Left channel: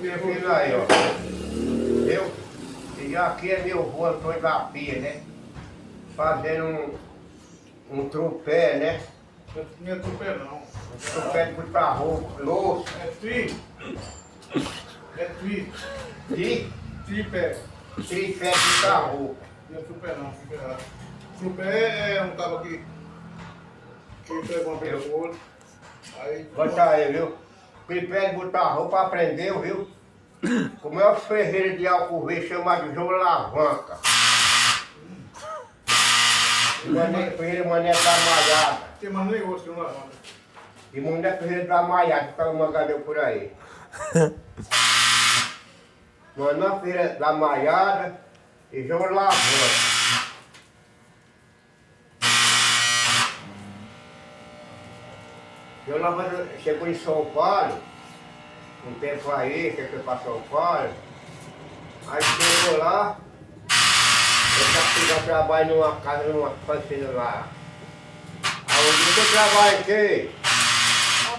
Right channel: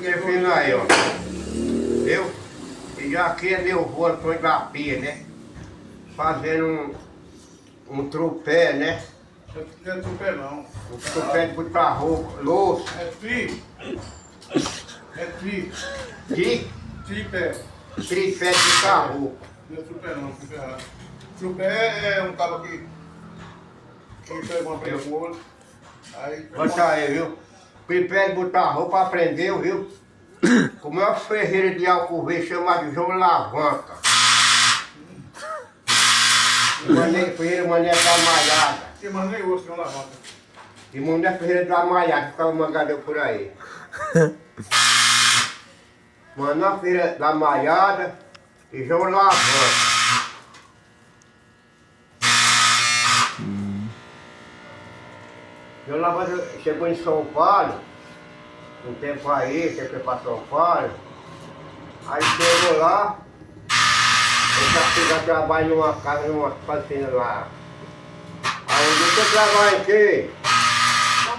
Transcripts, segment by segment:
Minha filha aí, ó. Eu, e já aqui é meu avô Antônio da Pia, né? Fazendo um trupé, né? Não é trupé não. Um trupé de botar roupa, louça. É tri. É tri. De Tripé. tripé de botar roupa. Não é trupé não, trupé errado. Trupé é um cabo que pega uma pessoa. Aí. Bota aí, viu? Tripé de botar roupa aprendeu, viu? Com o maior ferreiro de Alcover chamado João Lavanca. Ferreira Mané da Malhada. Tem mais nem osso, não lavada. E Mané Ferreira da Malhada, ficava mangadeu por aí. Mané Ferreira da Malhada e João Lavanca. João Lavanca chegou em São Paulo, um tempo aí, que foi para São Paulo. Aí chegou lá, ele já trabalho numa casa, numa fazenda lá. Aí onde eu trabalho aqui,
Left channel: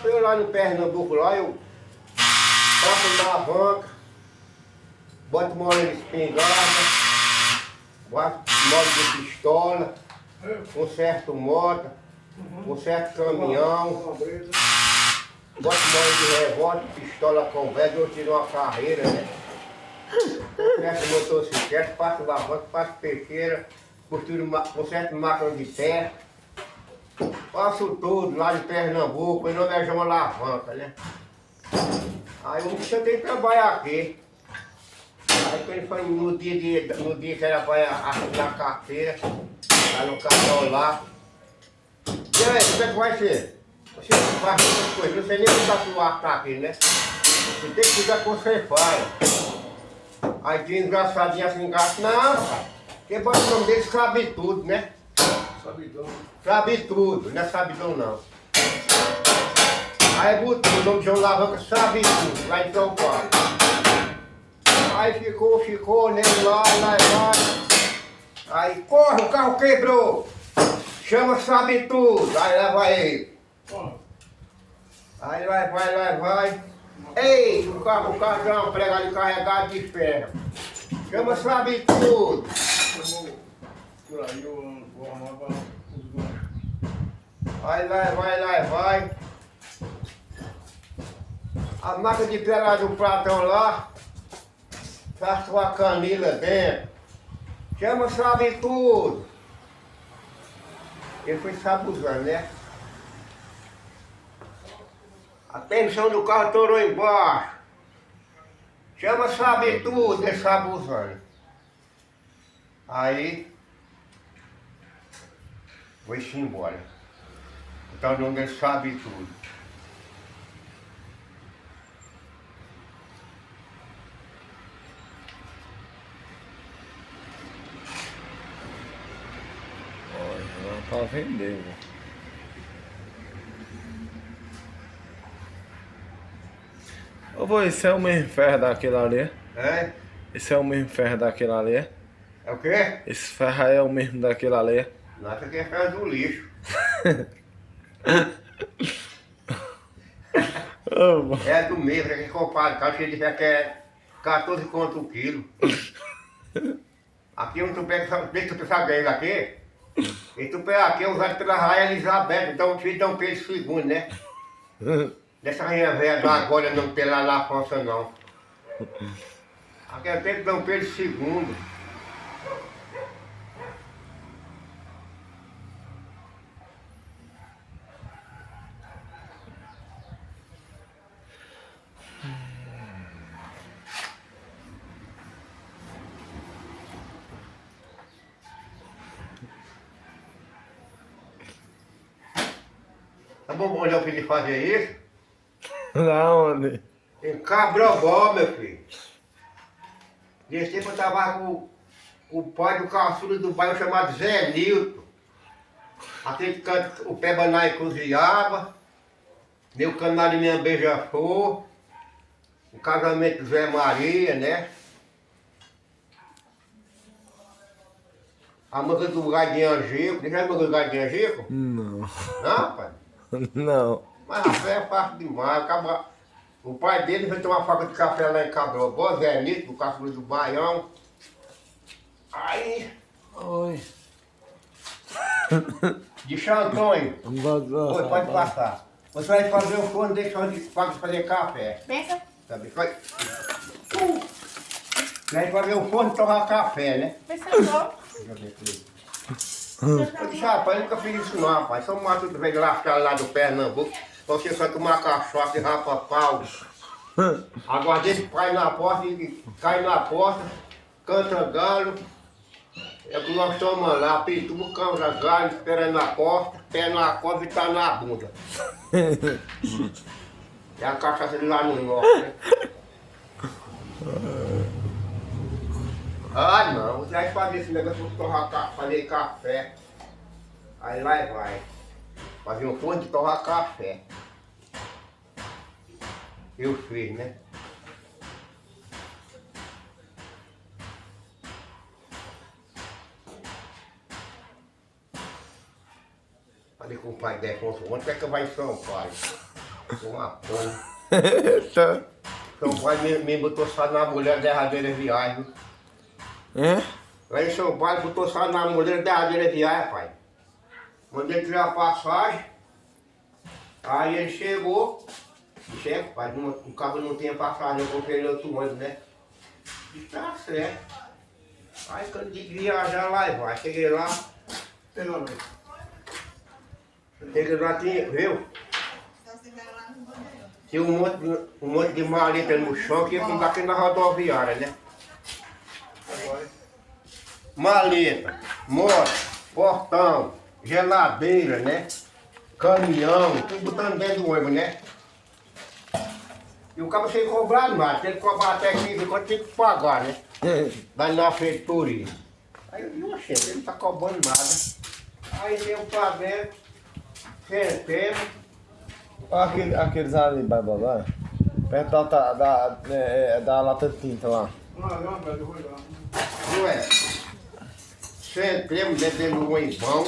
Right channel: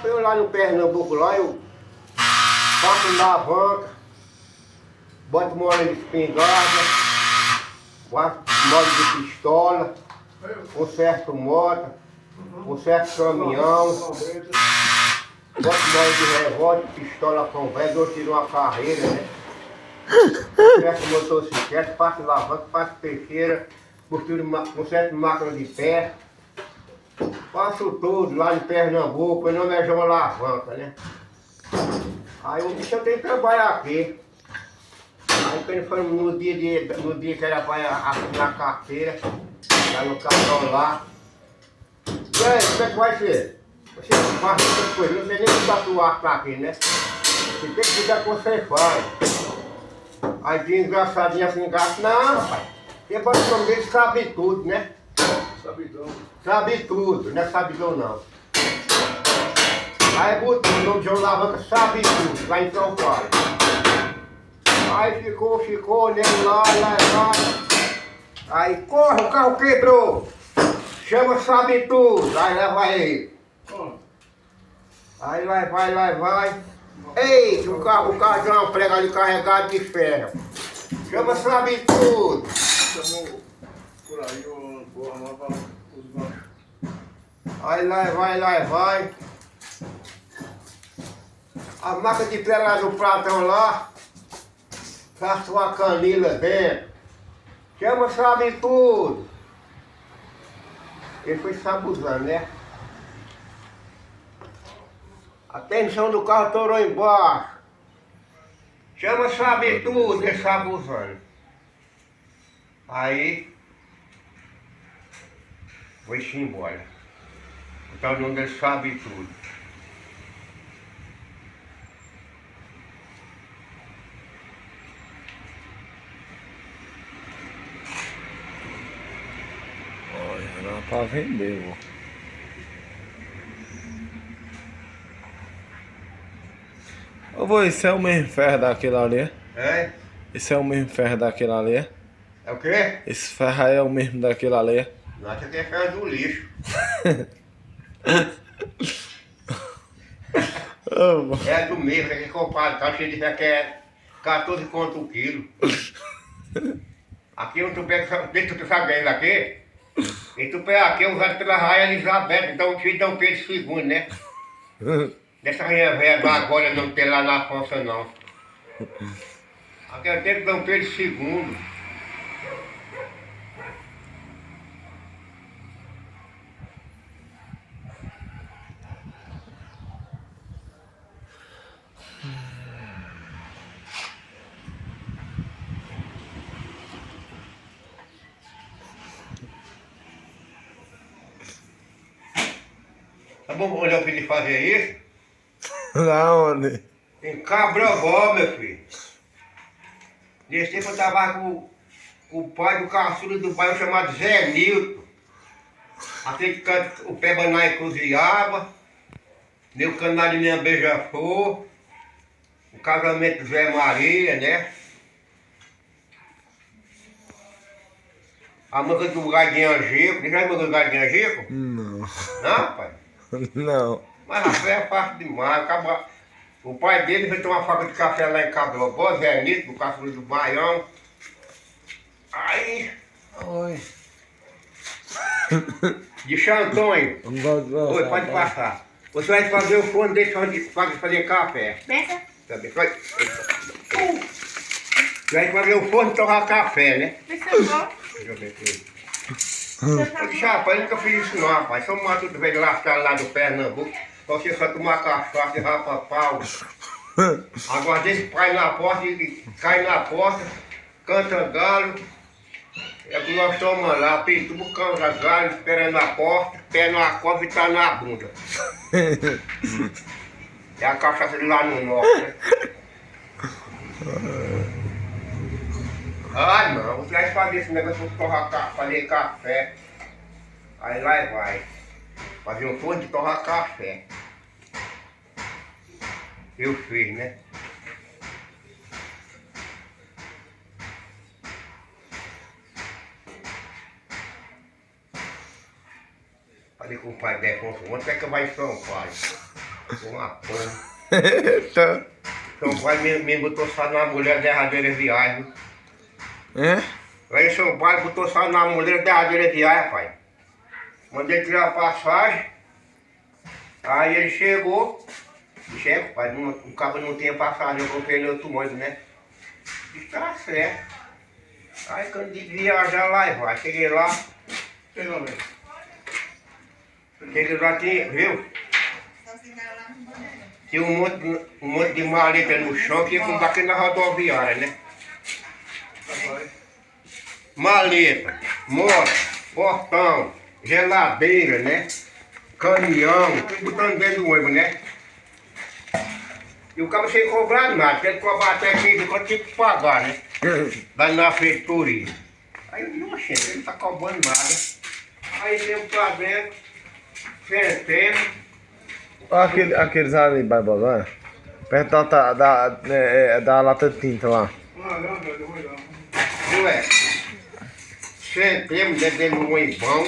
eu lá no Pernambuco lá, eu faço alavanca, boto mola de espingarda, boto mola de pistola, conserto moto, conserto caminhão, boto mola de revólver, pistola com velho, eu tiro uma carreira, né? Conserto motocicleta, faço alavanca, faço peixeira, conserto máquina de pé. Faço tudo lá em Pernambuco, meu nome é João Alavanca, né? Aí um dia eu tenho que trabalhar aqui. Aí quando foi no dia que era para assinar a carteira, tá no cartão lá. E aí, como é que vai ser? Você não faz muitas coisas, não sei nem como tá sua arte aqui, né? Você tem que cuidar que você faz. Aí tinha engraçadinho assim, engraçado. Não, rapaz, porque o nome dele sabe tudo, né? Sabidão. Sabe tudo, não é sabidão não. Aí botou o nome de João Lavanca, sabe tudo, lá em São Paulo. Aí ficou, olhando lá. Aí corre, o carro quebrou. Chama sabe tudo, aí leva ele. Aí lá vai. Eita, o carro deu uma prega ali carregado de ferro. Chama sabe tudo. Chamou por aí o armava os manos. Aí lá vai. A máquina de pé lá do Platão lá, faz uma canila dentro. Chama sabe tudo. Ele foi sabuzando, né? A tensão do carro estourou embaixo. Chama sabe tudo, ele sabuzando. Aí foi-se embora. O tal nome dele sabe tudo. Olha, dá pra vender, vô. Ô, vô, esse é o mesmo ferro daquele ali, é? É? Esse é o mesmo ferro daquele ali, é? É o quê? Esse ferro aí é o mesmo daquele ali, é? Nossa, que é ferro do lixo. Ô, vô. É do mesmo, é que compadre, tá cheio de ferro que é 14 conto o quilo. Aqui um tupé, deixa tu saber ainda aqui. Esse tupé aqui é usado pela Rainha Elizabeth, então o filho de Dom Pedro II, né? Dessa rainha velha da agora não tem lá na França não. Aqui é o tempo de Dom Pedro II. Tá bom olhar o filho fazer isso? Da onde? Em Cabrobó, meu filho. Nesse tempo eu tava com o pai do caçula do bairro chamado Zé Nilton. Aquele canto, o pé banana encruzilhava, meu canário minha beija-flor, o casamento do Zé Maria, né? A manga do Gadinha Gico, já viu a manga do Gadinha Gico? Não. Não, pai? Não. Mas a fé é fácil demais, acaba O pai dele foi tomar fábrica de café lá em Cabrobó, Zé Nito, do Caçula do Baião. Aí, Oi. de Xantônio. Oi, pode passar. Você vai fazer o forno dele para fazer café. Pensa? Sabe? Vai. Você vai fazer o forno e torrar café, né? Pensa só. Deixa eu ver aqui. Eu disse, rapaz, eu nunca fiz isso não, rapaz. Só mato do velho lascado lá do Pernambuco. Pra você só tomar cachaça e rapa pau. Agora deixa o pai na porta, ele cai na porta, canta galo. É o que nós tomamos lá, pintura, canta galho, esperando na porta, pé na cova e tá na bunda. É a cachaça de lá no norte, né? Ah não, você vai fazer esse negócio de torrar fazer café. Aí lá vai. Fazer um forno de torrar café. Eu fiz, né? Falei com o pai Defonso, onde é que vai em São Paulo? Uma porra. Eita. São Paulo me botou só na mulher derradeira viagem. É? Lá em São Paulo botou só na mulher derradeira viagem, pai. Mandei tirar a passagem. Aí ele chegou. Chefe, pai, o carro não tinha passagem, eu comprei no outro ônibus, né? Disse, tá certo. Aí quando eu disse viajar lá e vai, cheguei lá. Cheguei lá aqui, viu? Tinha um monte de maleta no chão que ia com daqui na rodoviária, né? Maleta, moto, portão, geladeira, né? Caminhão, tudo botando dentro do ônibus, né? E o cara sem cobrar nada, porque ele cobrar até 15 quando tinha que pagar, né? Lá na feitoria. Aí eu digo, oxe, ele não tá cobrando nada. Aí eu pra dentro, sentei. Aqueles ali, Barbosa, perto da lata de tinta lá. Viu, é? Sentemos dentro do ônibão.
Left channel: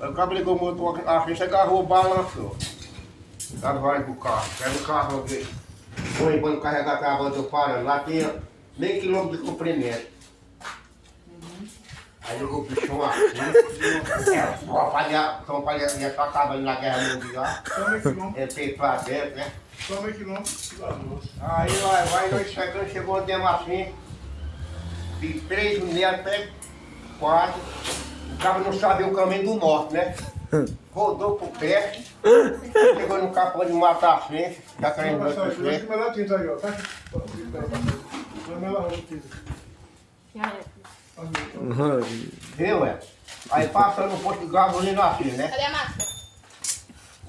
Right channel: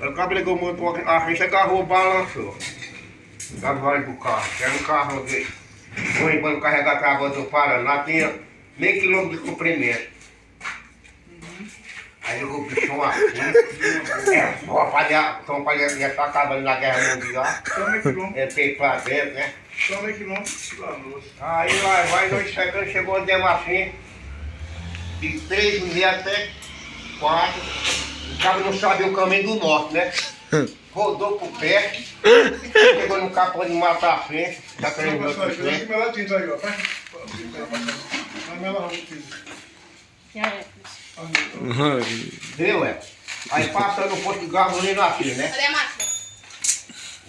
Aí o cara ligou o motor, a ficha agarrou, balançou. Cavalo do carro, era um carro que o ônibus carregava a água do Paraná, tinha meio quilômetro de comprimento. Aí eu vou bichão assim, São Paulo já tá acabando na Guerra Mundial, entrei pra dentro, né? Aí vai, nós chegando, chegou onde assim, de 3h30 até 4, o cara não sabia o caminho do norte, né? Rodou pro pé, chegou no capô de matar a frente, tá querendo ver o frente. Viu, é? Aí passando no posto de gasolina aqui, né? Cadê a máscara?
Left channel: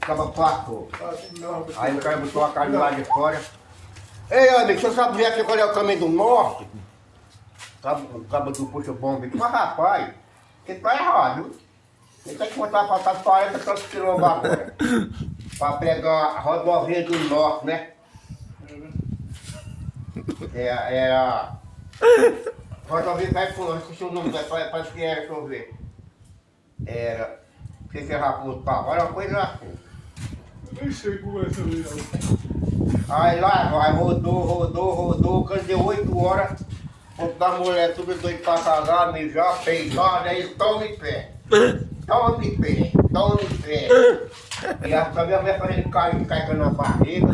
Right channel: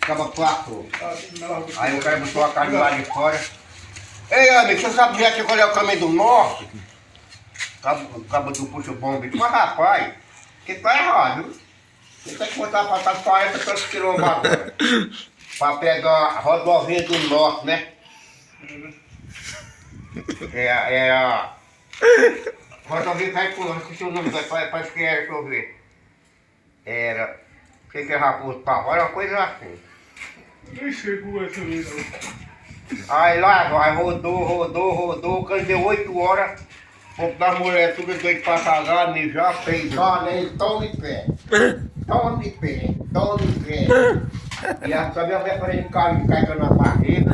Acaba passou. Aí o cara botou a carne lá de fora. Ei, amigo, você sabe já qual é o caminho do norte? O cabo do puxa bomba. Mas rapaz, que tá errado, viu? Você tem que botar pra trás 40 tantos quilômetros agora. Pra pegar a rodovia do norte, né? É a rodovia cai por onde? Esqueci o nome, parece que era, deixa eu ver. Era. O que é Raposo Tavares? Era uma coisa assim. Nem sei como é essa vida. Aí lá vai, rodou, quando deu 8 horas, o povo das mulheres tudo doido pra casar, mijar, peidar, aí toma em pé. Toma em pé. E a minha mulher fazendo carne caicando na barriga.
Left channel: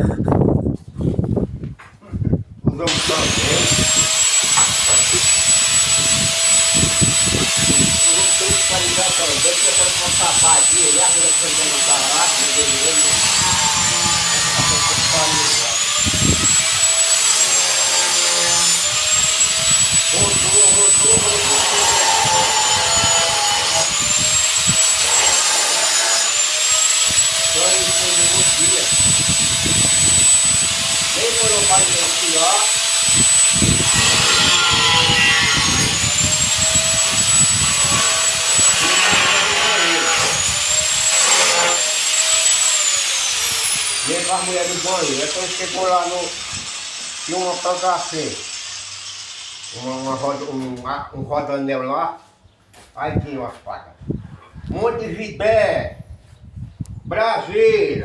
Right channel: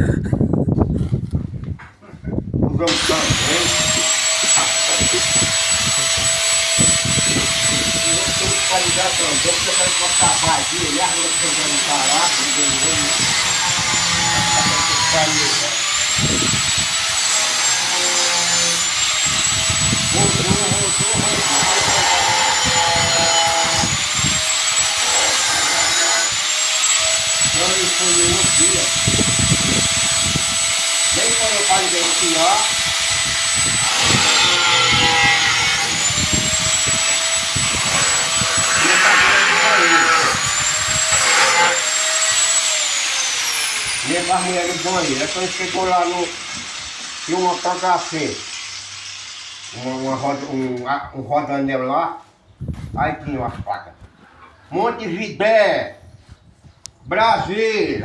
Os homens também. Os outros todos podem dar também, porque eu quero cortar a barriga, e a mulher que eu não tá lá, ninguém olho, né? Foi no outro dia. Nem quando eu parei de esquiar. Nem com as mulheres do banheiro. Então chegou lá no. Tinha uma placa assim. Um rodanel lá. Aí tinha umas placas. Montevidéu, Brasília.